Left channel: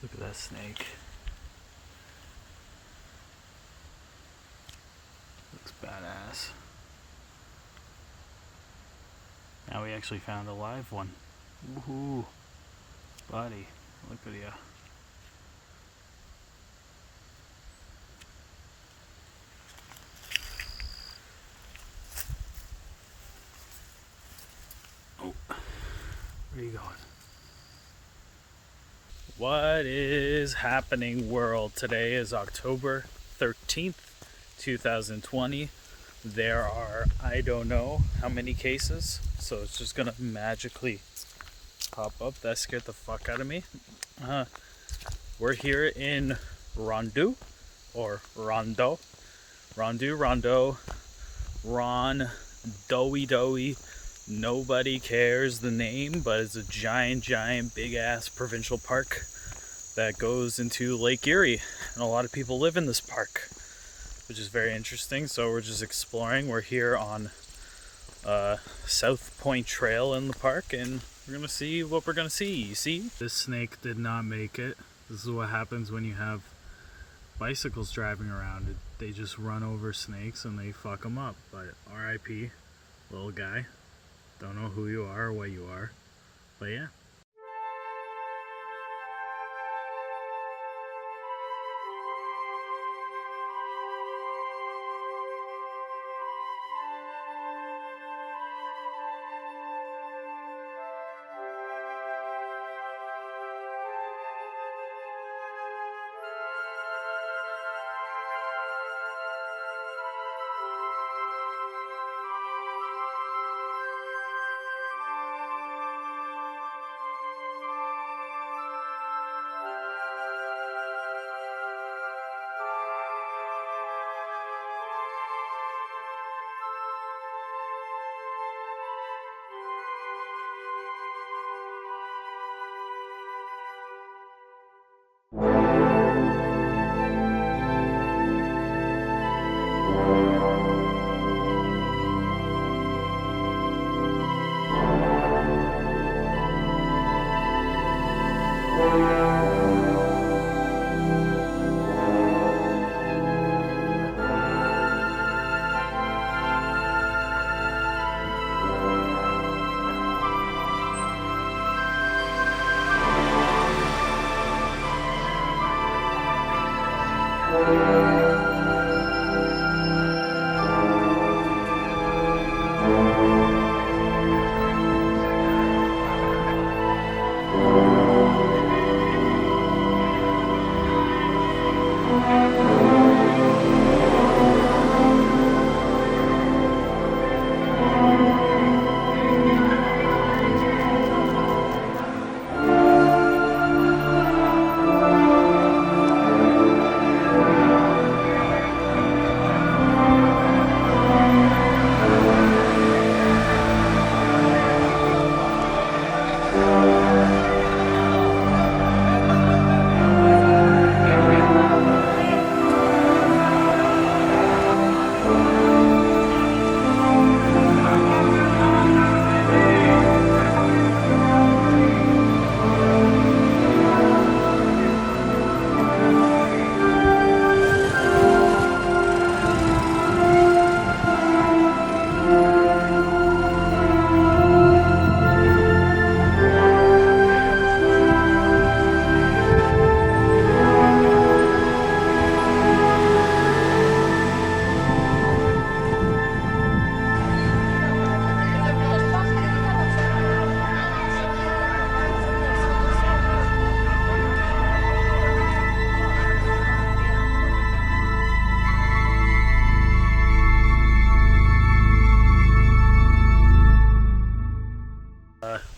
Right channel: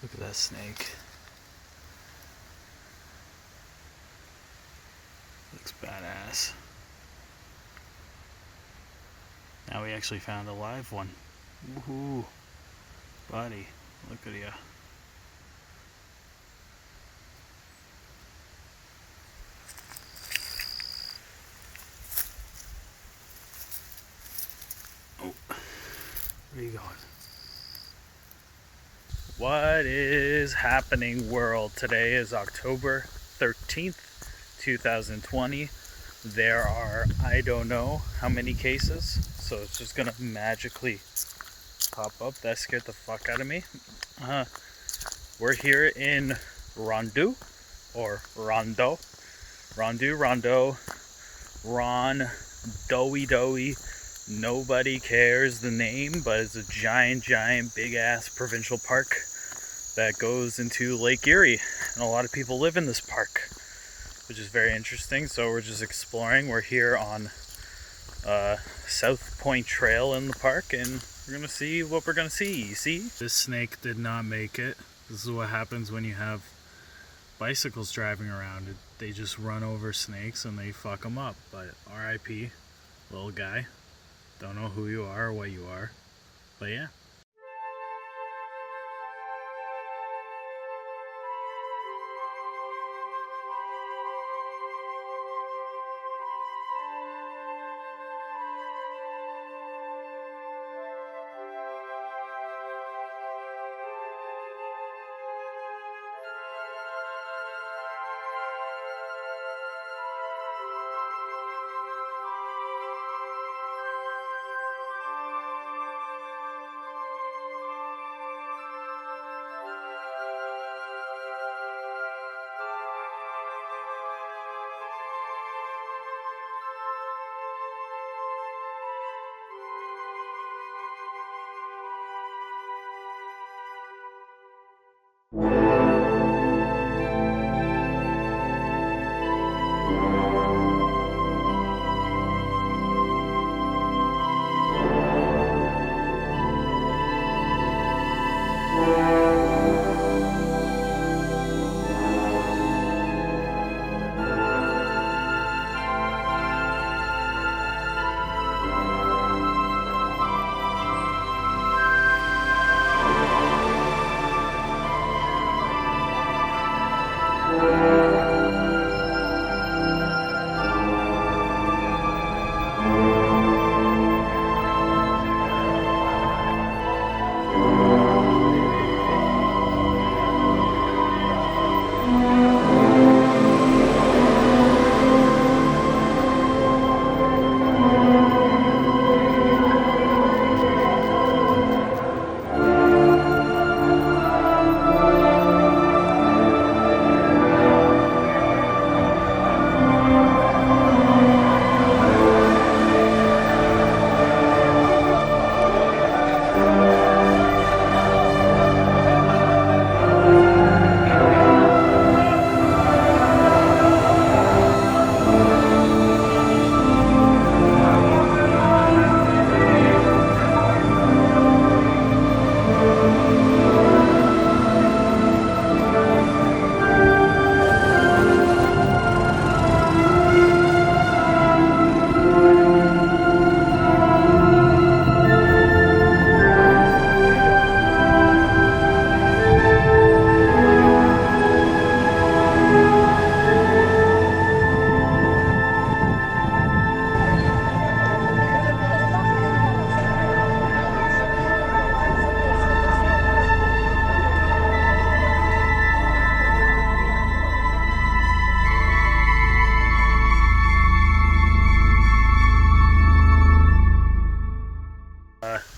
Look at that snake. Looks badass. Now we actually found a live one. Woohoo! Buddy, look at you. Oh, where are you going? What is happening, world? Today is October 13th, 2020. There are, I don't know how many cases, so it's just gonna magically pop up. That scared the fuck out of me. We're here in Rondu, or Rondo. Rondo, Ron, Doey. Nobody cares the name, but it's a giant, big ass provincial park that goes into Lake Erie. And a lot of people live in this park, which is very interesting. So we're just exploring. We're here on South Point Trail in the park, and we're gonna see what we're gonna see. You see? This snake did not make it. This is what happens when you have bicycles driving around. They just run over snakes and they fuck them up. But RIP, little guy. Don't know who you are or what you are. But yeah.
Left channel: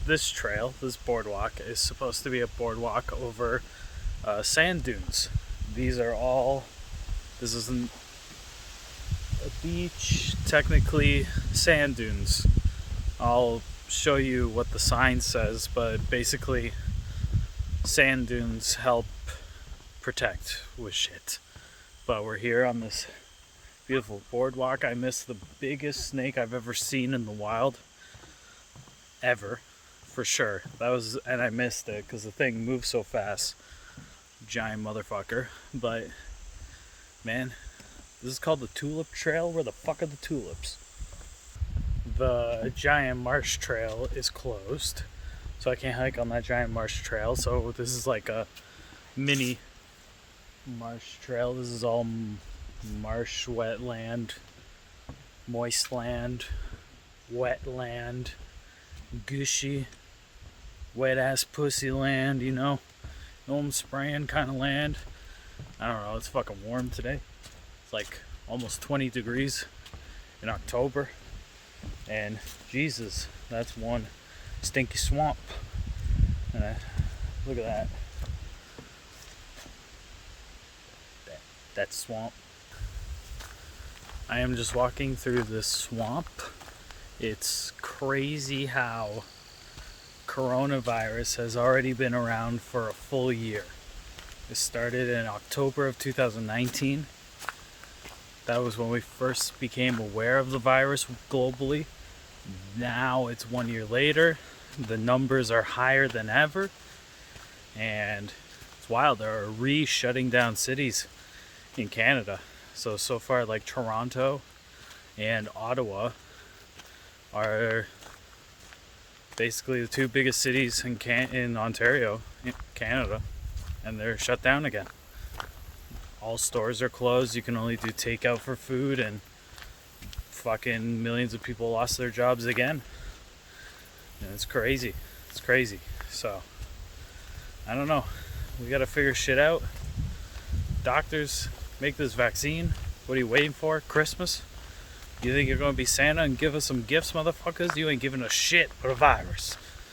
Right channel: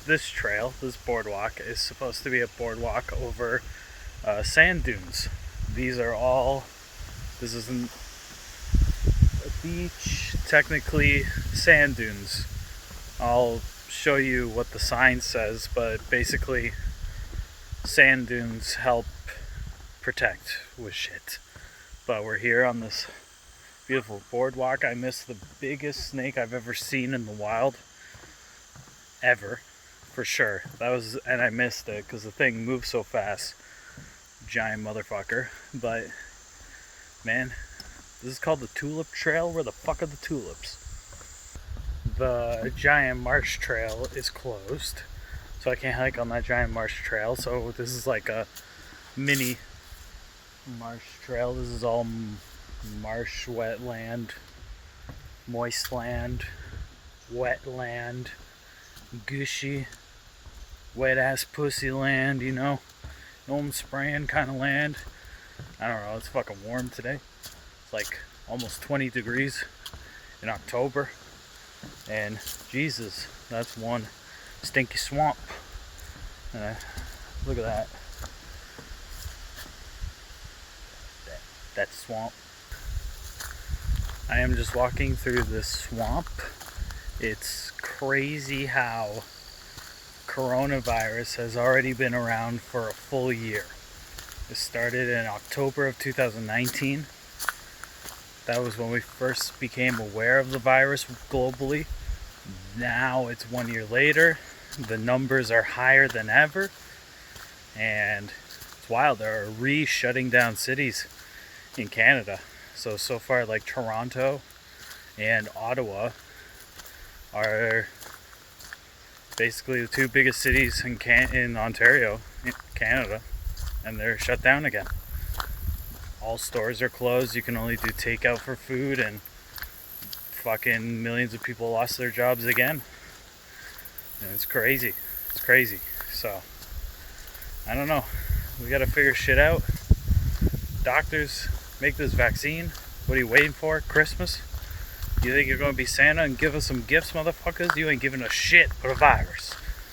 This trail, this boardwalk, is supposed to be a boardwalk over sand dunes. This isn't a beach, technically sand dunes. I'll show you what the sign says, but basically sand dunes help protect with shit. But we're here on this beautiful boardwalk. I missed the biggest snake I've ever seen in the wild. Ever. For sure. And I missed it because the thing moves so fast. giant motherfucker. But man, this is called the Tulip Trail. Where the fuck are the tulips? The giant marsh trail is closed, so I can't hike on that giant marsh trail. So this is like a mini marsh trail. This is all marsh, wetland, moist land, wetland, gushy, wet ass pussy land, you know I'm spraying kind of land. I don't know, it's fucking warm today. It's like almost 20 degrees in October. And Jesus, that's one stinky swamp. Look at that. That swamp. I am just walking through this swamp. It's crazy how coronavirus has already been around for a full year. It started in October of 2019. That was when we first became aware of the virus globally. Now it's 1 year later. The numbers are higher than ever. And it's wild. They're shutting down cities in Canada. So far, like Toronto and Ottawa are basically the two biggest cities in Ontario, in Canada, and they're shut down again. All stores are closed. You can only do takeout for food, and fucking millions of people lost their jobs again. And it's crazy. It's crazy. So I don't know. We gotta figure shit out. Doctors, make this vaccine. What are you waiting for? Christmas? You think you're gonna be Santa and give us some gifts, motherfuckers? You ain't giving us shit but a virus.